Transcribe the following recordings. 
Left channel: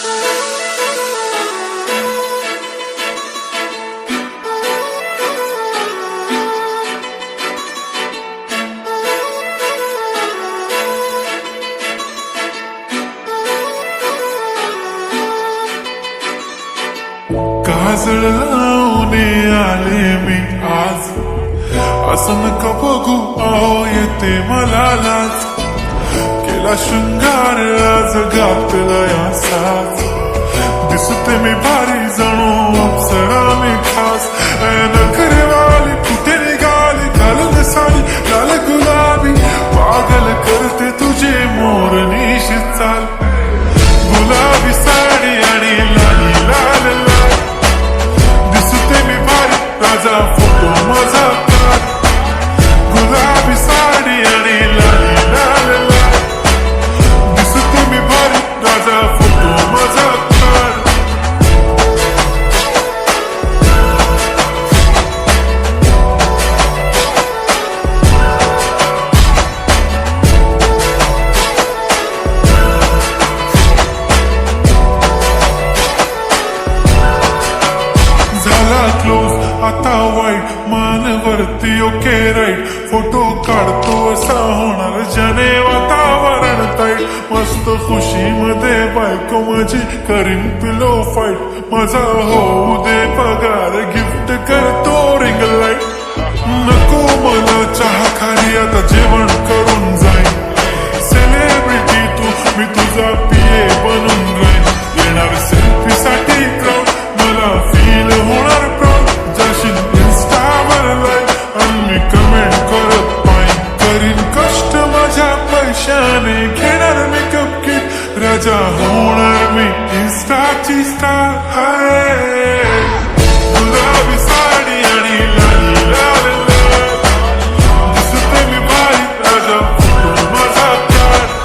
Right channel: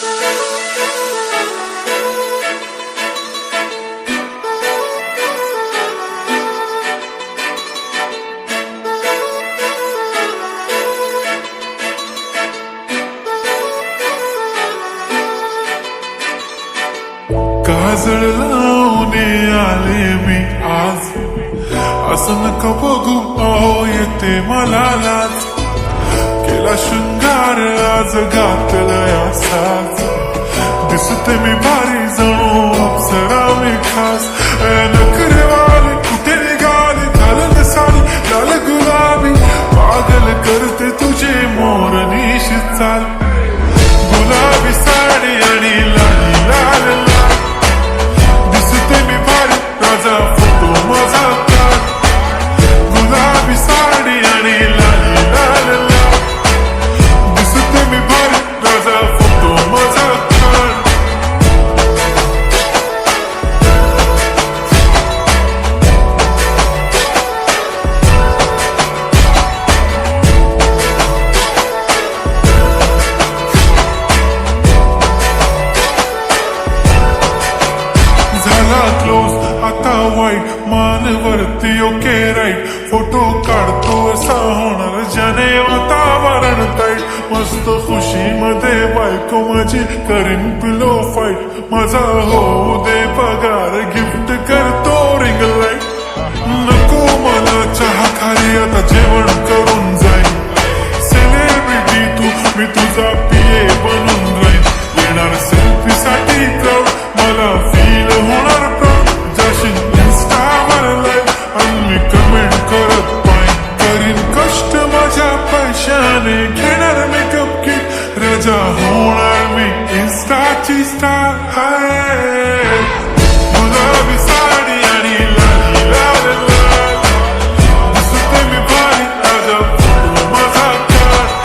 काजळ लावून आले मी आज, असं नका बघू अहो येते मला लाज. केला शृंगार आज घातलाय असाच, दिसते मी भारी जणू अप्सरा मी खास. नखरेवाली कुठे निघाली घालून साडी लाल गुलाबी, पागल करते तुझे मोरनीशी चाल. गुलाबी साडी आणि लाली लाल लाल, दिसते मी भारी राजा फोटो माझा काढ. गुलाबी साडी आणि लाली लाल लाल, दिसते मी भारी राजा फोटो माझा काढ. झाला क्लोज आता वाईट, मान वरती ओके राईट. फोटो काढतो असा होणार ज्याने वातावरण टाईट. मस्त खुशी मध्ये बायको माझी करीन पिलो फाईट. माझा होऊ दे पगार गिफ्ट करतो रिंग लाईट. नको मला चहा खारी आता जेवण करून जाईन. सेलिब्रिटी तू मी तुझा पिये बनून राहीन. येणार सेल्फी साठी क्राऊड मला फील होणार प्राऊड. जाशील इन्स्टावर लाईव्ह आणि मी कमेंट करत पाईन. करीन कष्ट माझ्या पैशाने घेणार मेकअप किट. राजा होणार मी इन्स्टाची स्टार. हाय गुलाबी साडी आणि लाली लाल लाल, दिसते मी भारी राजा फोटो माझा काढ.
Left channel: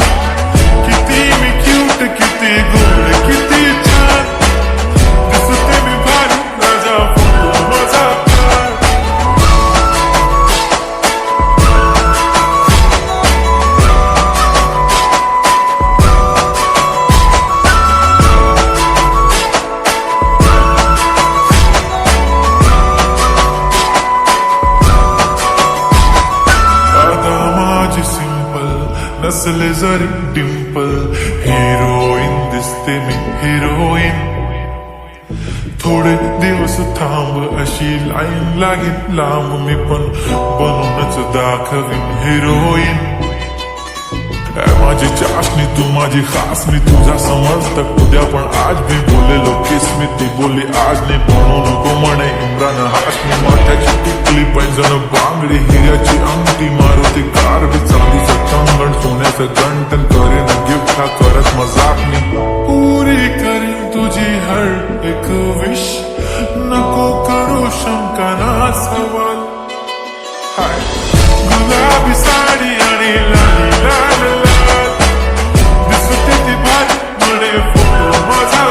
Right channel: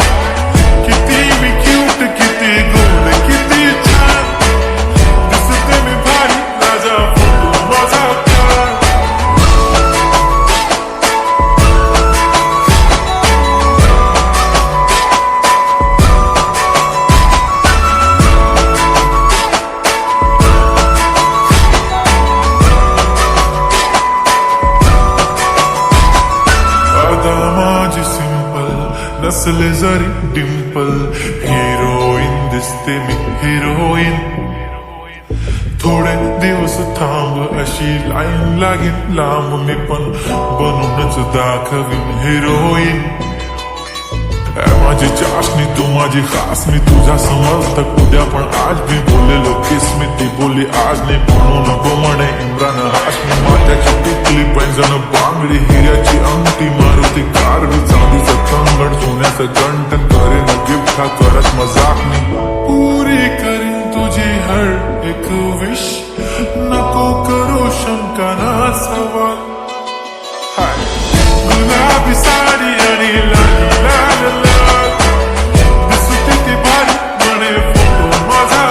किती मी क्यूट किती गोड किती छान, दिसते मी भारी राजा फोटो माझा काढ. आता माझी सिंपल नसले जरी डिंपल, हिरोईन दिसते मी हिरोईन. थोडे दिवस थांब अशी लाईन लागेल लांब, मी पण बनूनच दाखवीन हिरोईन. माझी चाशनी तू माझी खास, मी तुझा समर्थक उद्या पण आज मी बोललेलो किस मी. ती बोली आज नाही म्हणू नको म्हणे इम्रान हाशमी. माथ्याची टिकली पैंजण बांगडी हिऱ्याची अंगठी, मारुती कार बी चांदीचं कंगण सोन्याचं गंटन. करेन गिफ्ट हा करत मजाक मी. पुरी करीन तुझी हर एक विश, नको करू शंका ना सवाल. हाय गुलाबी साडी आणि लाली लाल लाल, दिसते ती भारी म्हणे फोटो माझा